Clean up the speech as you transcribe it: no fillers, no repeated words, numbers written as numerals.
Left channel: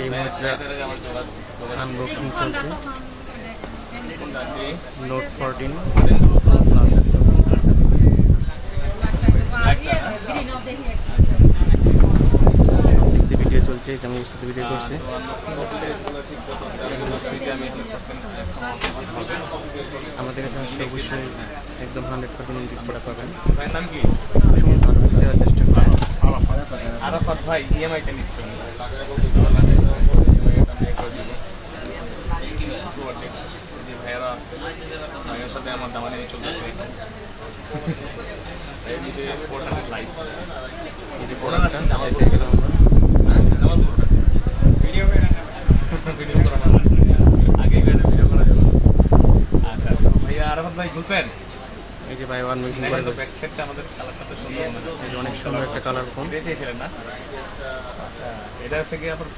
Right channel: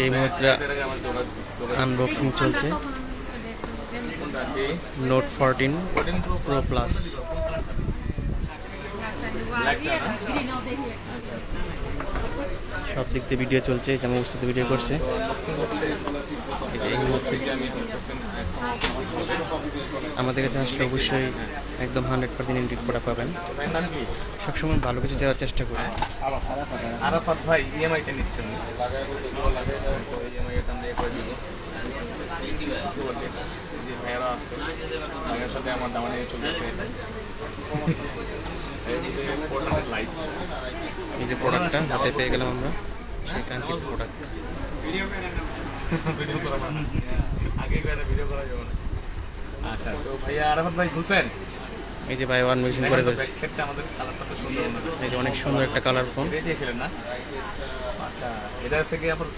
এই মুহূর্তে আনবক্সিং চলছে নোট 14 প্রো প্লাস। সব দিক দিয়ে ভিডিও চলছে, যেমন অবস্থাতে ভিডিও করছে। আমাদের কাছে আসলে অবশ্যই একদম 100% ইন্ডিক করা পাবেন। সবসময় ভালো কিছু দেওয়ার চেষ্টা করি। আরাফাত ভাই ইএমআইটা নিচ্ছে উনি, ইএমআইটা আমরা করে দিব। যে ভাইয়ারা আছে, ভাইয়ের সাথে আমার দামানি চলতেছে। লাইট এই যে প্রোডাক্টটা হাতে পেয়ে গেলাম আমরা। ভিডিও করা মানে আগে ভিডিও করা যাবে। আচ্ছা, তো ভাইয়া আরাফাত ভাই খুলছেন? এই যে ভাই আনবক্সিং করে ফেলছি। ব্যাকসাইডটা আমাদের কালারটা তো সুন্দর, এই যে অনেক সুন্দর একটা কালার ফোন চেয়েছিলেন না? আচ্ছা, এটা হচ্ছে কি আপনার